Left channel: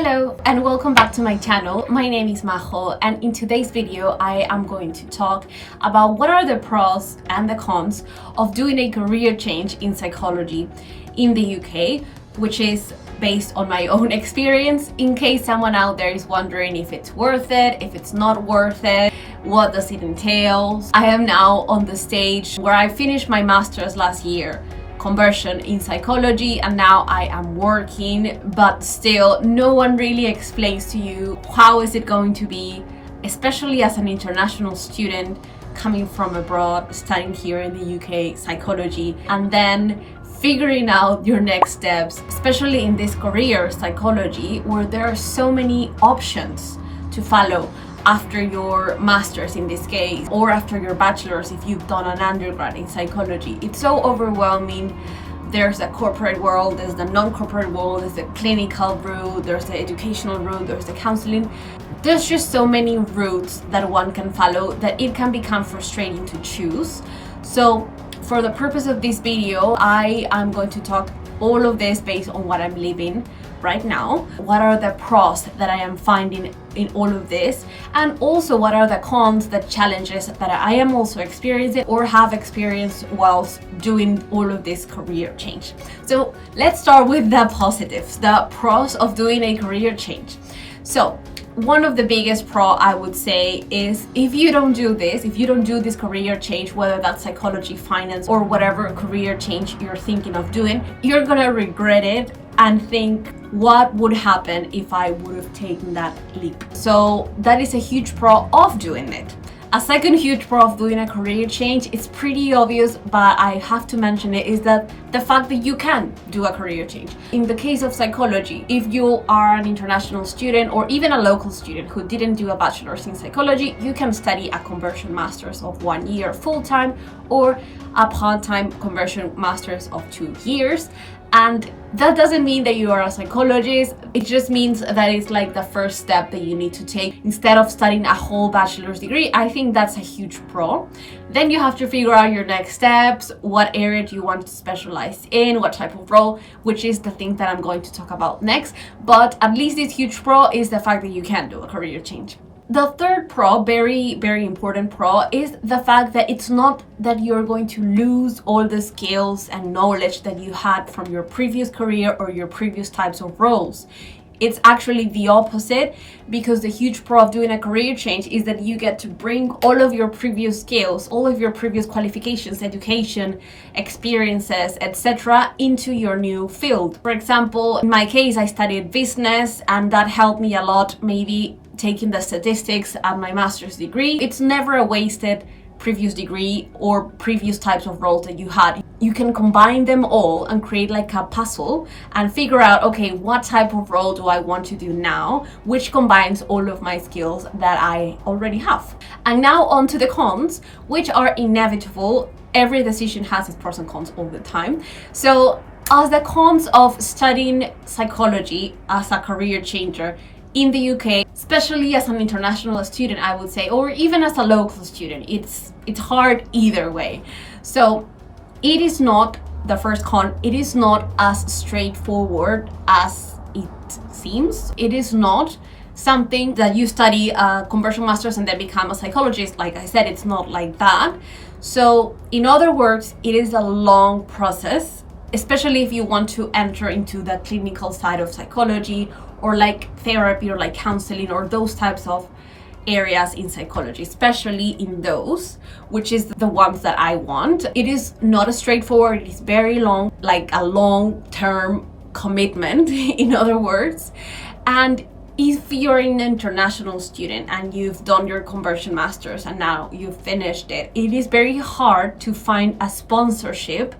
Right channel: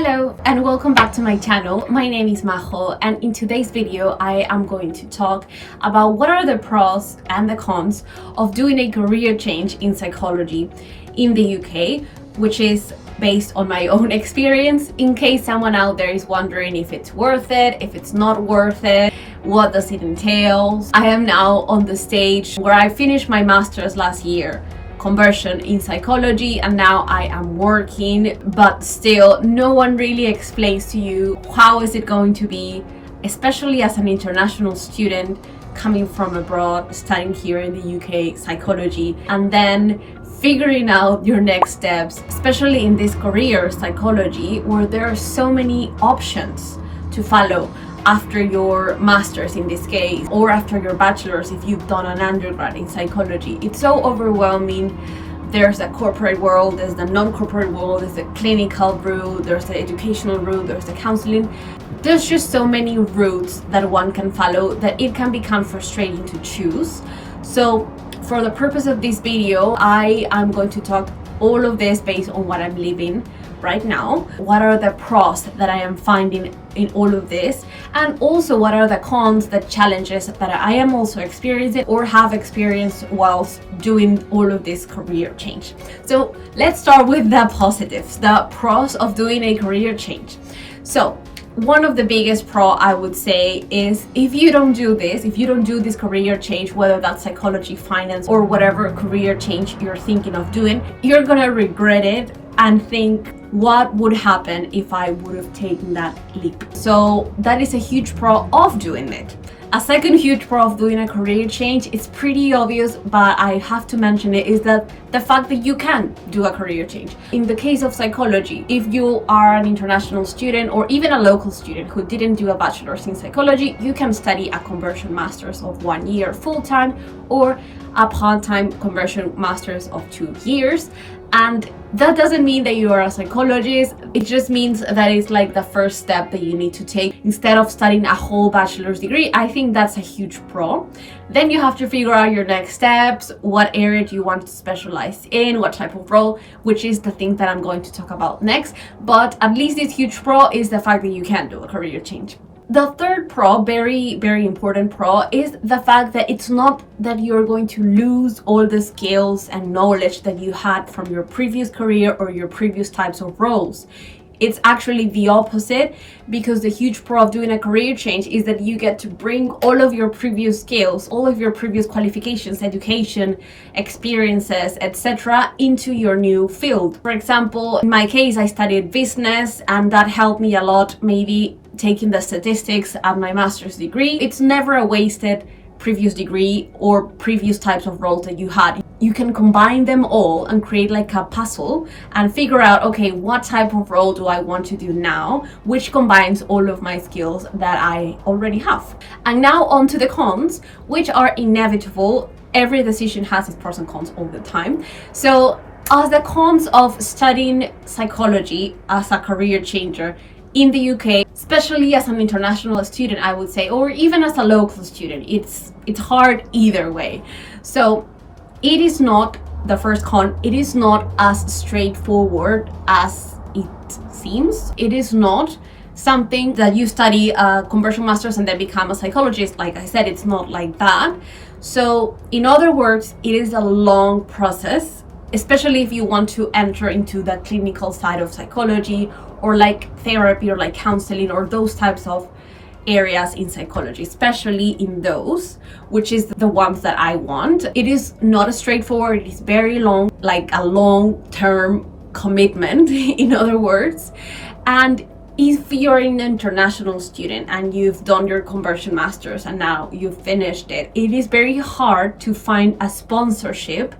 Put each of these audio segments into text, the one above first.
Hello and welcome back to my channel. My name is Majo, and in today's video I am going to talk about what are the pros and the cons of doing a career change in psychology in the UK, which is based on my own experience, in case someone out there is wondering if it's worth it, if it's not worth it, what does it entail. I am now on the stage where I finished my master's last year, conversion in psychology, and now I am working, but still no one really explains to you how is it going to be, especially as an international student coming from abroad, studying here in the UK psychology, and then figuring out your next steps, especially in this career psychology where there are so many options to follow after your master's in this case, or after your bachelor's if you've done an undergrad in psychology. It's so overwhelming. There's a corporate world, there's the non-corporate world, there's the clinical route, there's the educational route, there's the counseling. There's just so many routes that one can follow that it can become frustrating to choose. So for the purpose of this video, I am going to talk all of this based on what I'm living right now. What are the pros that I am finding in all of this, and also what are the cons, the challenges that I am also experiencing or have experienced whilst doing all of this career change. So let's start with the positives, the pros of doing a career change. So one of the biggest pro I would say is if you don't do this career change, whether that's psychology, finance, or whatever career change you're thinking of doing, you're gonna regret it and think, what would happen if I would have taken that leap? So that is a huge pro of doing it. A second huge pro of doing a career change, it's pretty obvious, but I have to mention it, is that the fact that you can do a career change. In the case of psychology, if you are an international student or even a local student who didn't do a bachelor's in psychology, you can study a conversion master's of 1 year full-time or a part-time conversion master's of 2 years. And that doesn't mean that you are a psychologist. It just means that it's like the first step that you need to take instead of studying a whole bachelor's degree. I think that's a huge pro. Then you have to figure out your next steps, what area do you want to specialize in, what type of role, which is the thing that I'm going to talk about next. But at least this huge pro is the fact that you can do a career change. The third pro, very, very important pro, is the fact that it's not that you're going to lose all the skills and knowledge that you had from your previous career or your previous types of roles. It's actually the opposite, because the huge pro of doing a career change is that you get to bring all of your previous skills, all of your previous qualifications, education, experiences, etc. into your new field. For example, in my case, I studied business, and that helped me a lot, maybe taking the statistics at my master's degree. It's never a wasted previous degree or previous types of roles that you had. You can combine them all and create like a puzzle and figure out, okay, what type of role do I want to do now, which combines all of my skills that I already have. And now on to the cons, which are inevitable. Every decision has its pros and cons all the time. So as the cons of studying psychology as a career changer in the UK, especially as an international student, I would say, or even as a local student, it's hard either way. So it is not, the first con, it is not as straightforward as it seems. It is not something that you study a conversion master's and then become a psychologist. Like I said, it's not like that. So in other words, it is a long process, especially if you want to enter into the clinical side of psychology, or like therapy, or like counseling, or those types of areas in psychology, especially in those, which is the ones that I want. It is not as straightforward. It is very long, like a long-term commitment, in other words. And if you're an international student and you've done your conversion masters and now you've finished it, it is very hard to find a sponsorship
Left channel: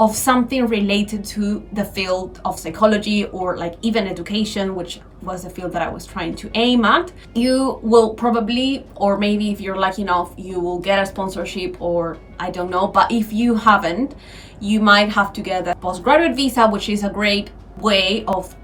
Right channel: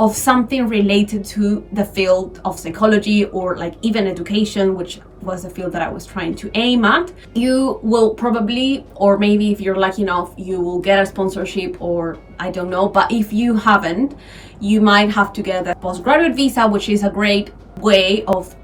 of something related to the field of psychology, or like even education, which was the field that I was trying to aim at. You will probably, or maybe if you're lucky enough, you will get a sponsorship, or I don't know. But if you haven't, you might have to get a postgraduate visa, which is a great way of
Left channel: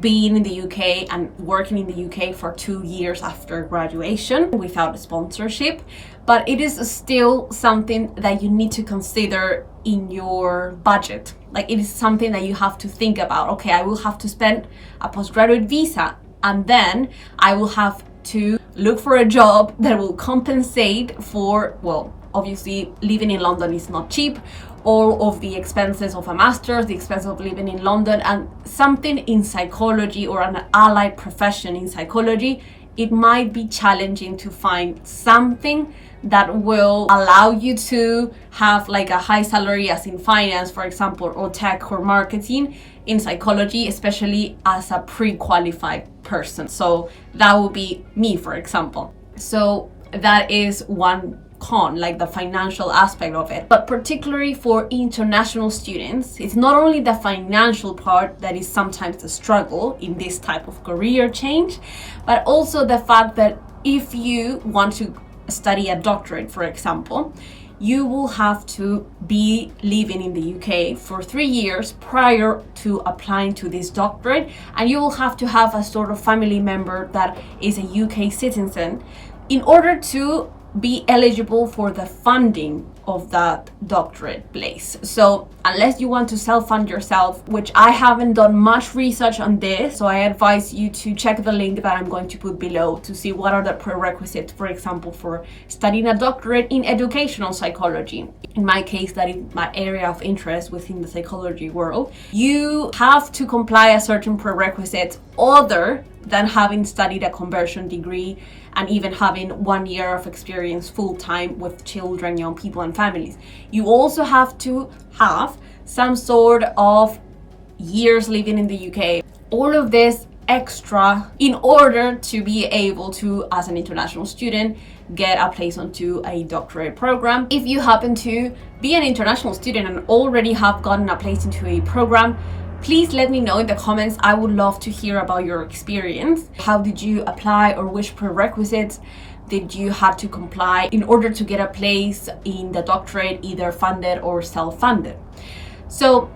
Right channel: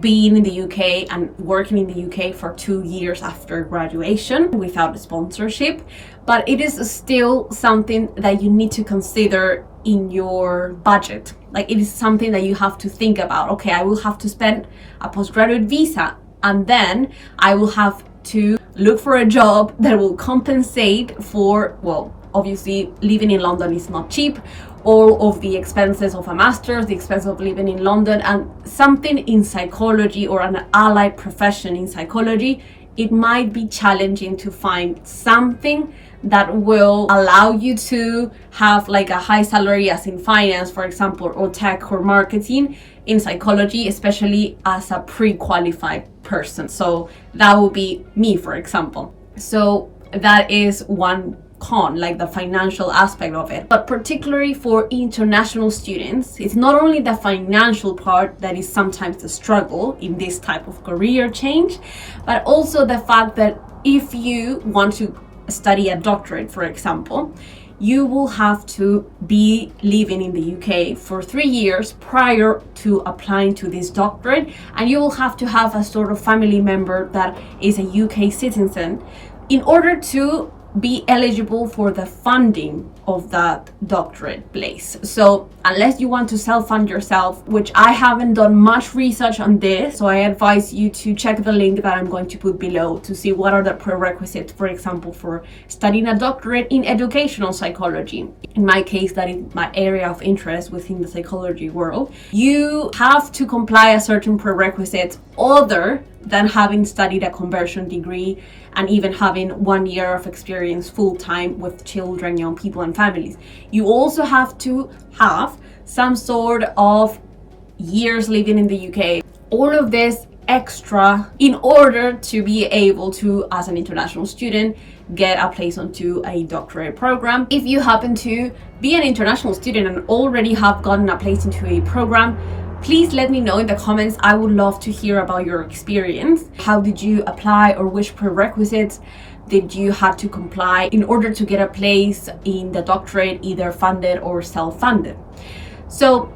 being in the UK and working in the UK for 2 years after graduation without a sponsorship. But it is still something that you need to consider in your budget. Like, it is something that you have to think about. Okay, I will have to spend a postgraduate visa, and then I will have to look for a job that will compensate for, well, obviously living in London is not cheap, all of the expenses of a master's, the expense of living in London, and something in psychology or an allied profession in psychology, it might be challenging to find something that will allow you to have like a high salary as in finance, for example, or tech or marketing in psychology, especially as a pre-qualified person. So that would be me, for example. So that is one con, like the financial aspect of it. But particularly for international students, it's not only the financial part that is sometimes the struggle in this type of career change, but also the fact that if you want to study a doctorate, for example, you will have to be living in the UK for 3 years prior to applying to this doctorate, and you will have to have a sort of family member that is a UK citizen in order to be eligible for the funding of that doctorate place. So unless you want to self-fund yourself, which I haven't done much research on this, so I advise you to check the link that I'm going to put below to see what are the prerequisites, for example, for studying a doctorate in educational psychology. In my case, that is my area of interest within the psychology world. You have to comply a certain prerequisites other than having studied a conversion degree and even having 1 year of experience full-time with children, young people, and families. You also have to have some sort of years living in the UK. All of this extra in order to be able to, as an international student, get a place onto a doctorate program. If you happen to be an international student and already have gotten a place into a program, please let me know in the comments. I would love to hear about your experience. How did you apply, or which prerequisites did you have to comply in order to get a place in the doctorate, either funded or self-funded? So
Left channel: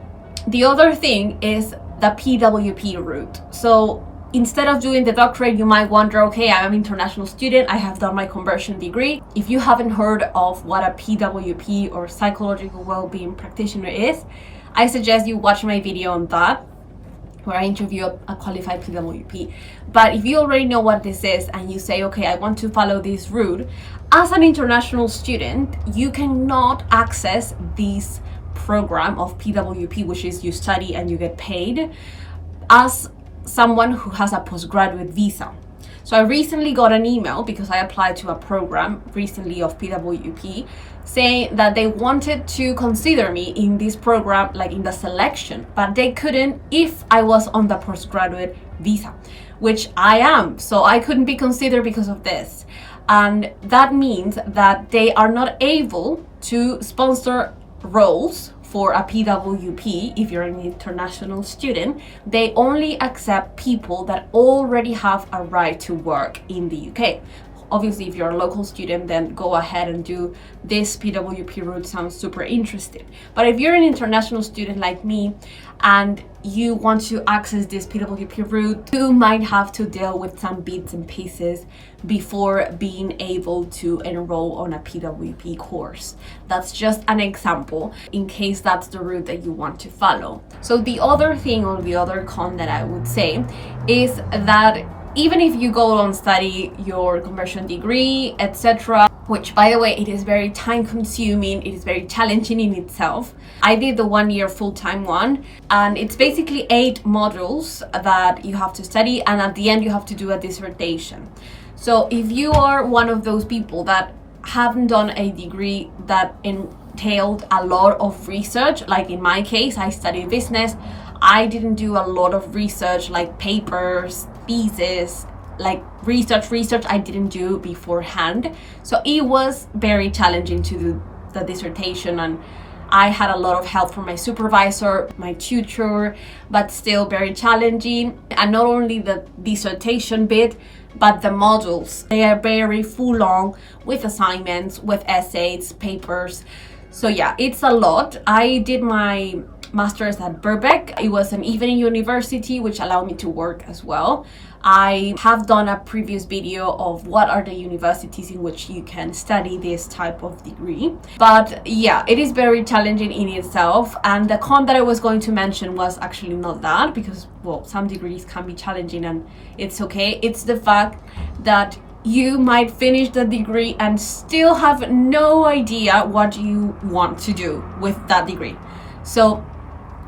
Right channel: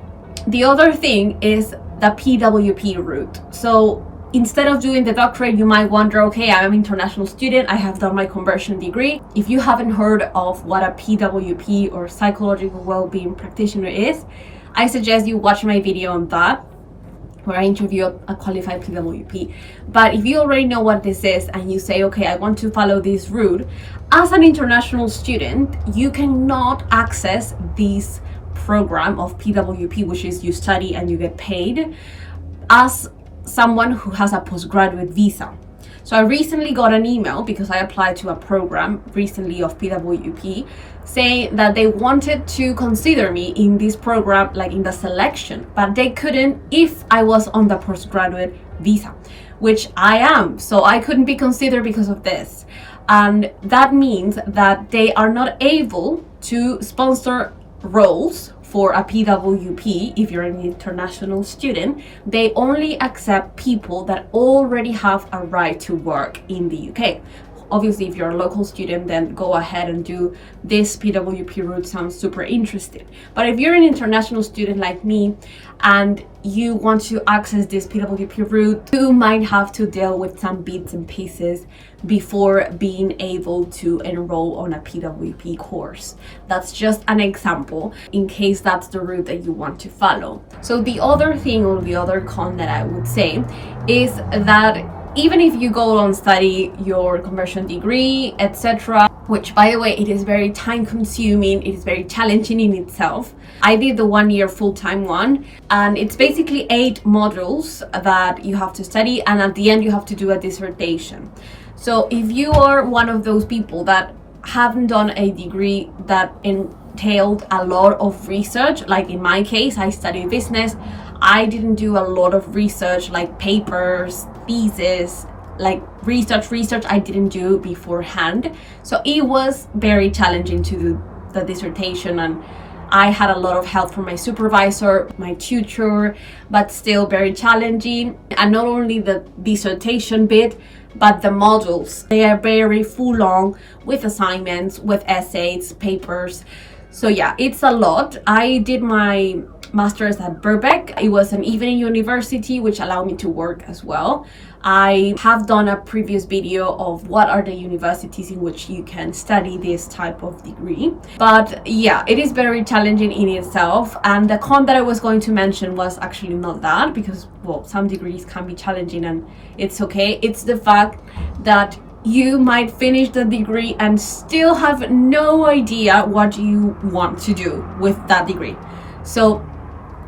the other thing is the PWP route. So instead of doing the doctorate, you might wonder, okay, I'm an international student, I have done my conversion degree. If you haven't heard of what a PWP or psychological well-being practitioner is, I suggest you watch my video on that, where I interview a qualified PWP. But if you already know what this is and you say, okay, I want to follow this route, as an international student, you cannot access this program of PWP, which is you study and you get paid, as someone who has a postgraduate visa. So I recently got an email because I applied to a program recently of PWP saying that they wanted to consider me in this program, like in the selection, but they couldn't if I was on the postgraduate visa, which I am. So I couldn't be considered because of this. And that means that they are not able to sponsor roles for a PWP if you're an international student. They only accept people that already have a right to work in the UK. Obviously, if you're a local student, then go ahead and do this PWP route. Sounds super interesting. But if you're an international student like me and you want to access this PWP route, you might have to deal with some bits and pieces before being able to enroll on a PWP course. That's just an example in case that's the route that you want to follow. So the other thing, or the other con that I would say, is that even if you go and study your conversion degree, etc., which, by the way, it is very time consuming, it is very challenging in itself. I did the 1 year full-time one, and it's basically 8 modules that you have to study, and at the end you have to do a dissertation. So if you are one of those people that haven't done a degree that entailed a lot of research, like in my case, I studied business, I didn't do a lot of research, like papers, thesis, like research I didn't do beforehand. So it was very challenging to do the dissertation, and I had a lot of help from my supervisor, my tutor, but still very challenging. And not only the dissertation bit, but the modules, they are very full on with assignments, with essays, papers. So yeah, it's a lot. I did my master's at Birkbeck. It was an evening university, which allowed me to work as well. I have done a previous video of what are the universities in which you can study this type of degree. But yeah, it is very challenging in itself. And the con that I was going to mention was actually not that, because, well, some degrees can be challenging and it's okay. It's the fact that you might finish the degree and still have no idea what you want to do with that degree. So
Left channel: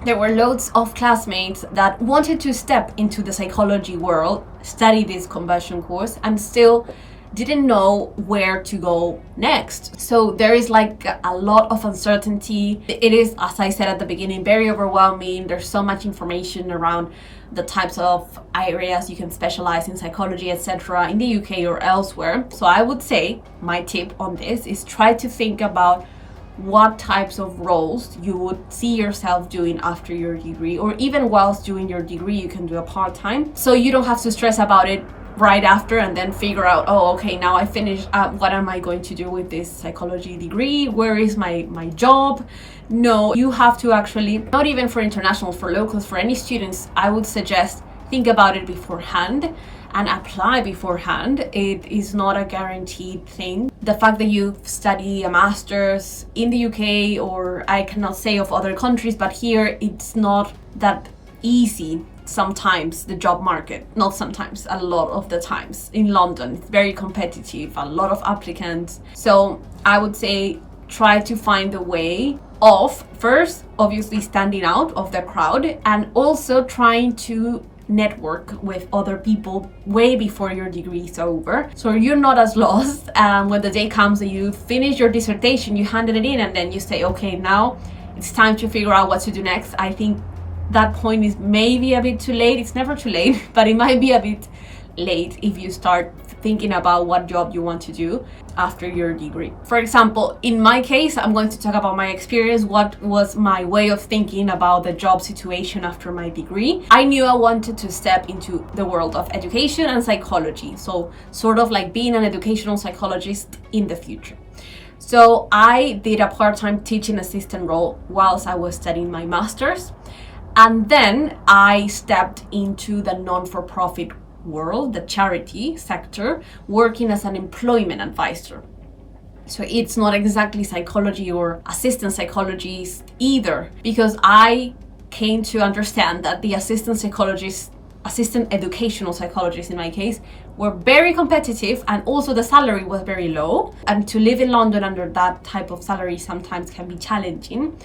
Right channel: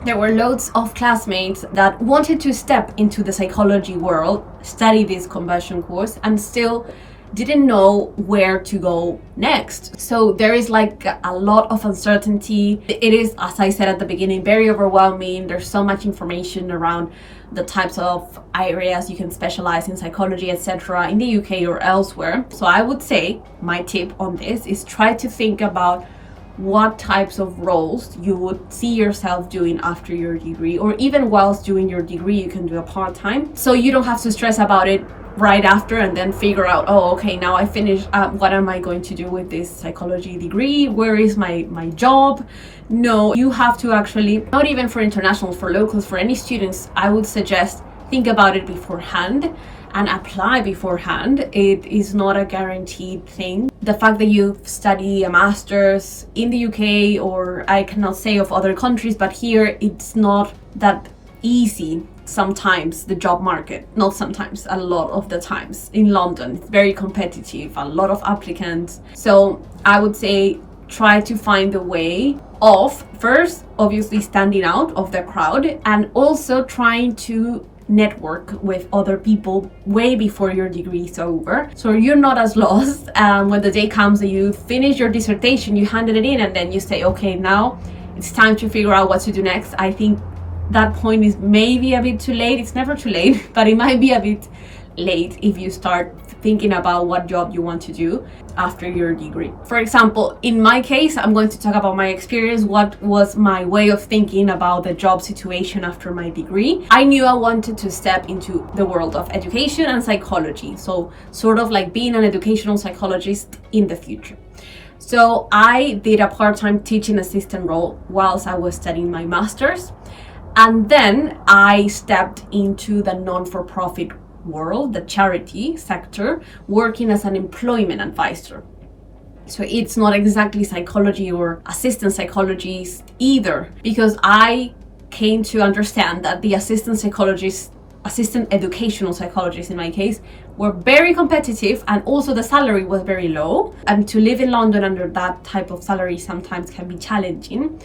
there were loads of classmates that wanted to step into the psychology world, study this conversion course, and still didn't know where to go next. So there is like a lot of uncertainty. It is, as I said at the beginning, very overwhelming. There's so much information around the types of areas you can specialize in psychology, etc., in the UK or elsewhere. So I would say my tip on this is try to think about what types of roles you would see yourself doing after your degree, or even whilst doing your degree you can do a part-time, so you don't have to stress about it right after and then figure out, oh, okay, now I finished, what am I going to do with this psychology degree? Where is my job? No, you have to actually, not even for international, for locals, for any students, I would suggest think about it beforehand and apply beforehand. It is not a guaranteed thing. The fact that you study a master's in the UK, or I cannot say of other countries, but here it's not that easy. Sometimes the job market, not sometimes, a lot of the times in London, it's very competitive, a lot of applicants. So I would say try to find a way of first obviously standing out of the crowd, and also trying to network with other people way before your degree is over, so you're not as lost when the day comes that you finish your dissertation, you handed it in, and then you say, okay, now it's time to figure out what to do next. I think that point is maybe a bit too late. It's never too late, but it might be a bit late if you start thinking about what job you want to do after your degree. For example, in my case, I'm going to talk about my experience. What was my way of thinking about the job situation after my degree? I knew I wanted to step into the world of education and psychology, so sort of like being an educational psychologist in the future. So I did a part-time teaching assistant role whilst I was studying my master's, and then I stepped into the non-for-profit world, the charity sector, working as an employment advisor. So it's not exactly psychology or assistant psychologist either, because I came to understand that the assistant educational psychologists in my case were very competitive, and also the salary was very low, and to live in London under that type of salary sometimes can be challenging.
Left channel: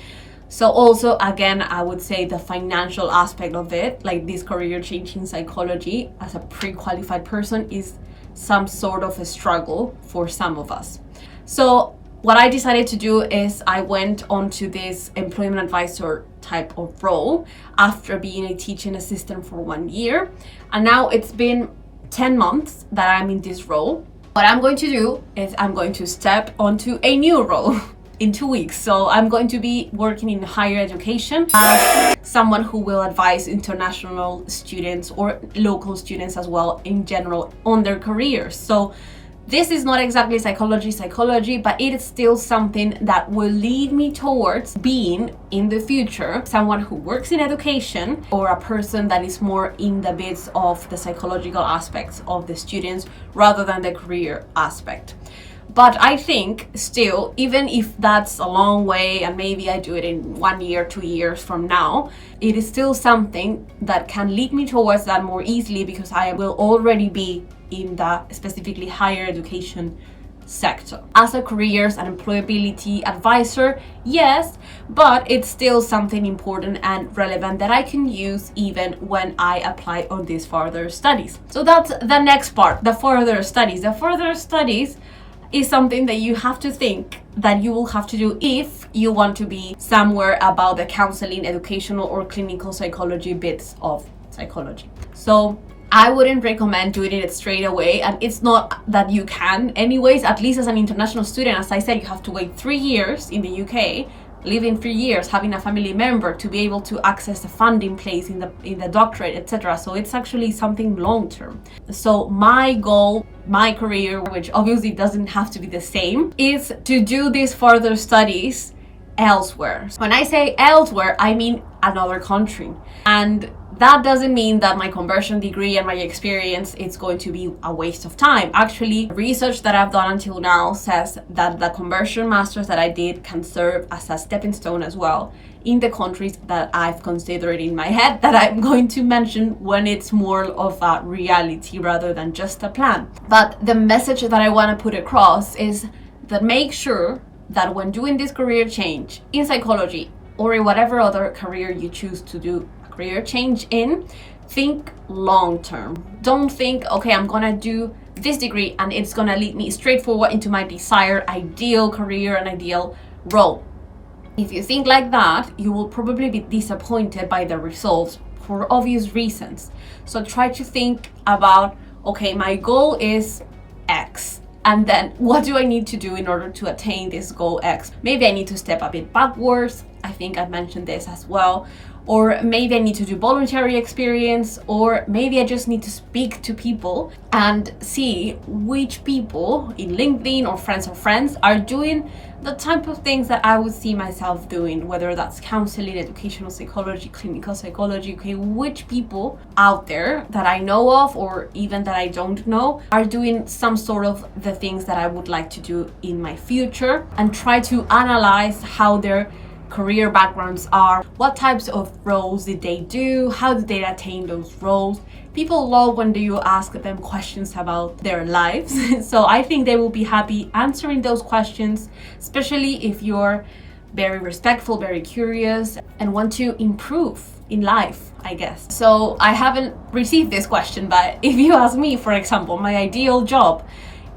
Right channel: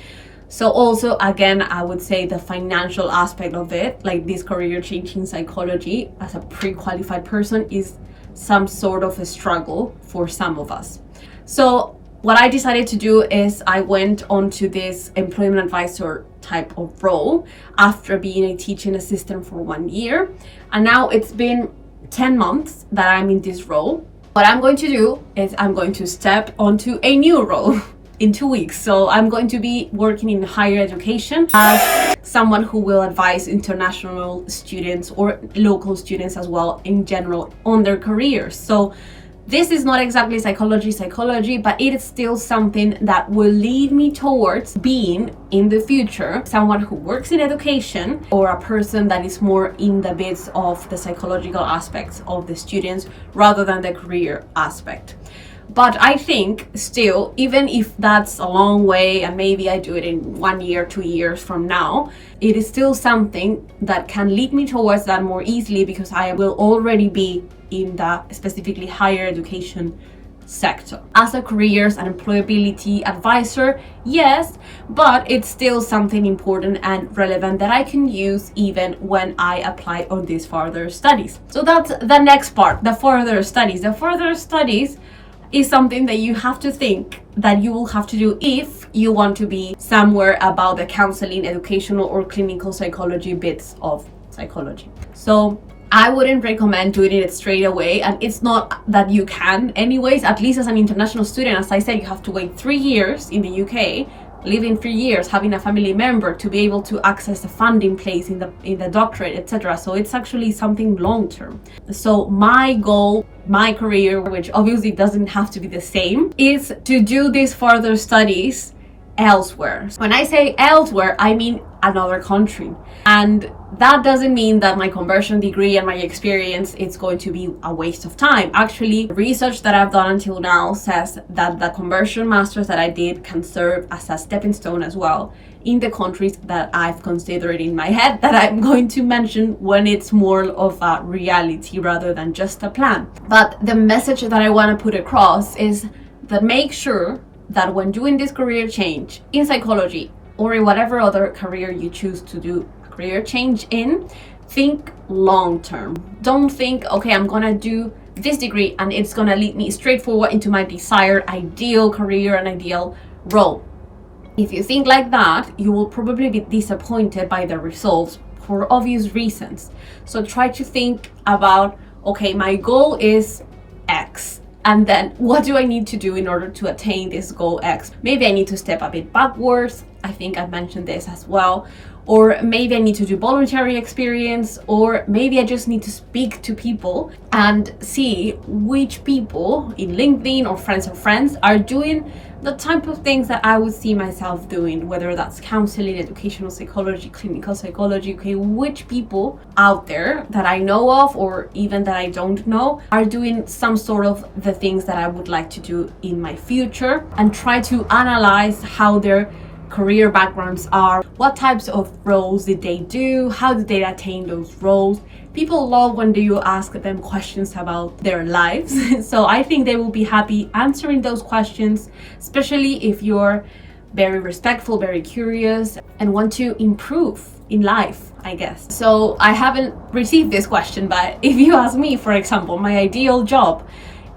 So also, again, I would say the financial aspect of it, like this career change in psychology as a pre-qualified person, is some sort of a struggle for some of us. So what I decided to do is I went on to this employment advisor type of role after being a teaching assistant for 1 year. And now it's been 10 months that I'm in this role. What I'm going to do is I'm going to step onto a new role in 2 weeks. So I'm going to be working in higher education as someone who will advise international students or local students as well in general on their careers. So this is not exactly psychology, but it is still something that will lead me towards being in the future someone who works in education, or a person that is more in the bits of the psychological aspects of the students rather than the career aspect. But I think still, even if that's a long way and maybe I do it in 1 year, 2 years from now, it is still something that can lead me towards that more easily, because I will already be in the specifically higher education sector. As a careers and employability advisor, yes, but it's still something important and relevant that I can use even when I apply on these further studies. So that's the next part, the further studies. The further studies is something that you have to think that you will have to do if you want to be somewhere about the counseling, educational, or clinical psychology bits of psychology. So I wouldn't recommend doing it straight away, and it's not that you can anyways. At least as an international student, as I said, you have to wait 3 years in the UK, living 3 years, having a family member to be able to access a funding place in the doctorate, etc. So it's actually something long term. So my goal, my career, which obviously doesn't have to be the same, is to do these further studies elsewhere. When I say elsewhere, I mean another country. And that doesn't mean that my conversion degree and my experience is going to be a waste of time. Actually, research that I've done until now says that the conversion masters that I did can serve as a stepping stone as well in the countries that I've considered in my head that I'm going to mention when it's more of a reality rather than just a plan. But the message that I want to put across is that make sure that when doing this career change in psychology or in whatever other career you choose to do a career change in, think long term. Don't think, okay, I'm gonna do this degree and it's gonna lead me straight forward into my desired ideal career and ideal role. If you think like that, you will probably be disappointed by the results for obvious reasons. So try to think about, okay, my goal is X. And then what do I need to do in order to attain this goal X? Maybe I need to step a bit backwards. I think I mentioned this as well. Or maybe I need to do voluntary experience, or maybe I just need to speak to people and see which people in LinkedIn or friends of friends are doing the type of things that I would see myself doing, whether that's counseling, educational psychology, clinical psychology, okay, which people out there that I know of or even that I don't know are doing some sort of the things that I would like to do in my future, and try to analyze how their career backgrounds are, what types of roles did they do, how did they attain those roles. People love when you ask them questions about their lives. So I think they will be happy answering those questions, especially if you're very respectful, very curious, and want to improve in life, I guess. So I haven't received this question, but if you ask me, for example, my ideal job,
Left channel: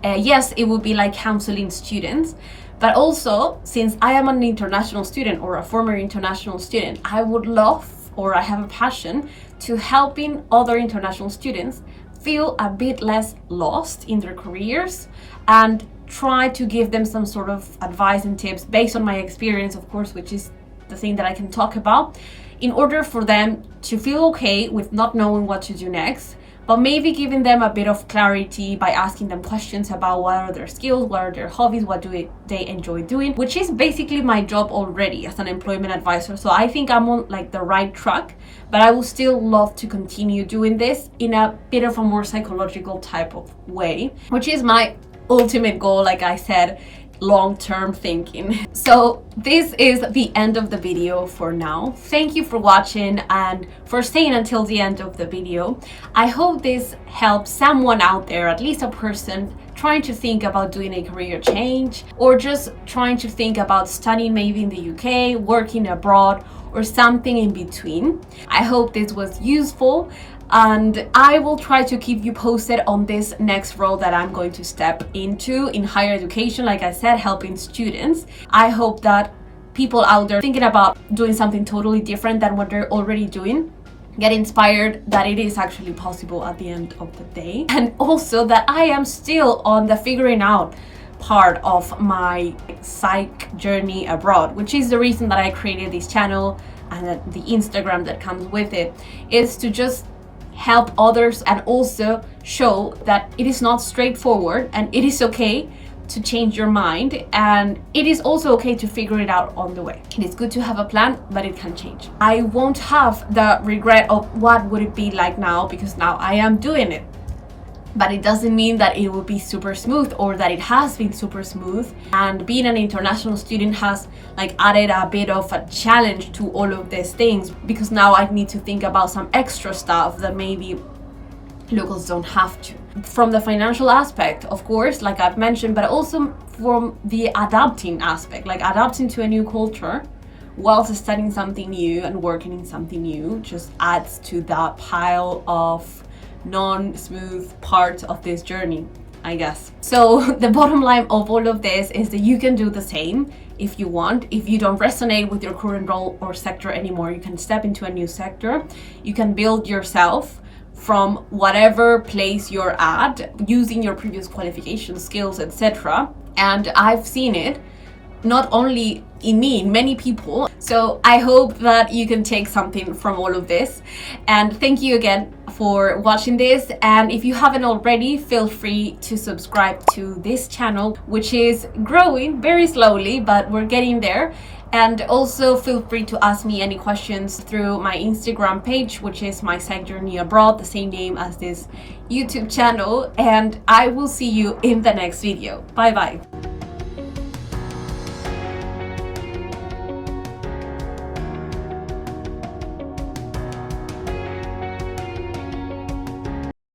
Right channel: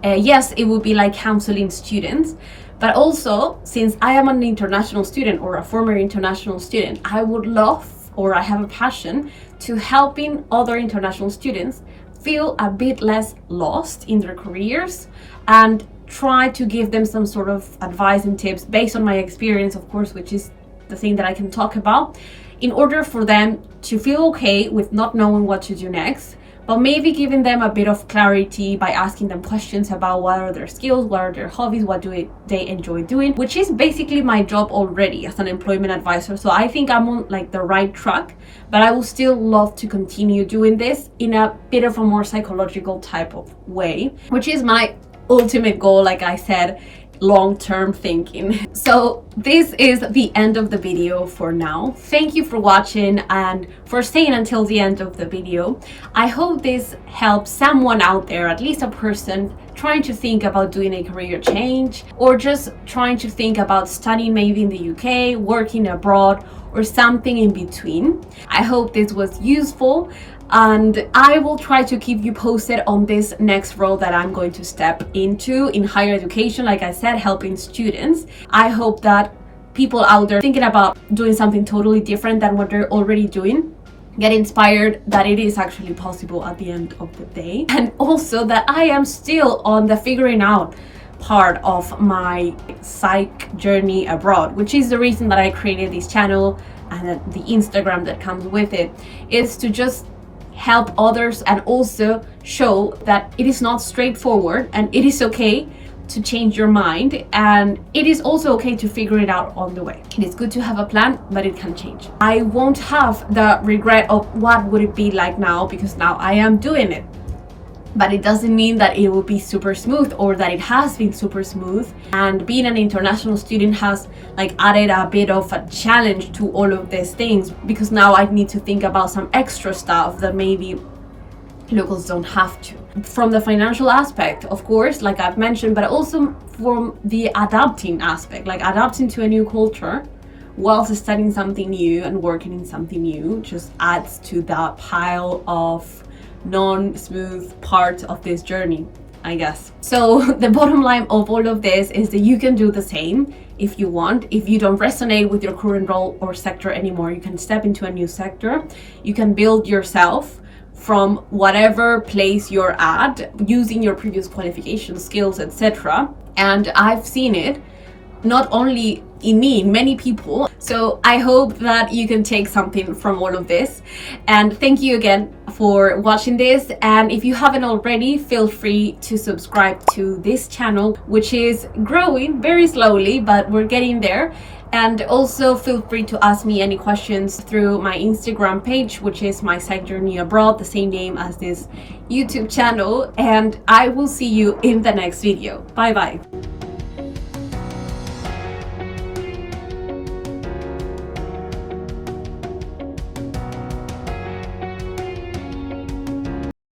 yes, it would be like counseling students. But also, since I am an international student or a former international student, I would love, or I have a passion to helping other international students feel a bit less lost in their careers and try to give them some sort of advice and tips based on my experience, of course, which is the thing that I can talk about, in order for them to feel okay with not knowing what to do next, but maybe giving them a bit of clarity by asking them questions about what are their skills, what are their hobbies, what do they enjoy doing, which is basically my job already as an employment advisor. So I think I'm on like the right track, but I would still love to continue doing this in a bit of a more psychological type of way, which is my ultimate goal, like I said, long-term thinking. So this is the end of the video for now. Thank you for watching and for staying until the end of the video. I hope this helps someone out there, at least a person trying to think about doing a career change, or just trying to think about studying maybe in the UK, working abroad, or something in between. I hope this was useful, and I will try to keep you posted on this next role that I'm going to step into in higher education, like I said, helping students. I hope that people out there thinking about doing something totally different than what they're already doing get inspired that it is actually possible at the end of the day, and also that I am still on the figuring out part of my psych journey abroad, which is the reason that I created this channel and the Instagram that comes with it, is to just help others and also show that it is not straightforward and it is okay to change your mind, and it is also okay to figure it out on the way. It is good to have a plan, but it can change. I won't have the regret of what would it be like now, because now I am doing it. But it doesn't mean that it will be super smooth or that it has been super smooth. And being an international student has like added a bit of a challenge to all of these things, because now I need to think about some extra stuff that maybe locals don't have to. From the financial aspect, of course, like I've mentioned, but also from the adapting aspect, like adapting to a new culture whilst studying something new and working in something new just adds to that pile of non-smooth part of this journey, I guess. So the bottom line of all of this is that you can do the same if you want. If you don't resonate with your current role or sector anymore, you can step into a new sector. You can build yourself from whatever place you're at using your previous qualifications, skills, etc. And I've seen it not only in me, in many people. So I hope that you can take something from all of this. And thank you again for watching this. And if you haven't already, feel free to subscribe to this channel, which is growing very slowly, but we're getting there. And also feel free to ask me any questions through my Instagram page, which is My Psych Journey Abroad, the same name as this YouTube channel. And I will see you in the next video. Bye bye.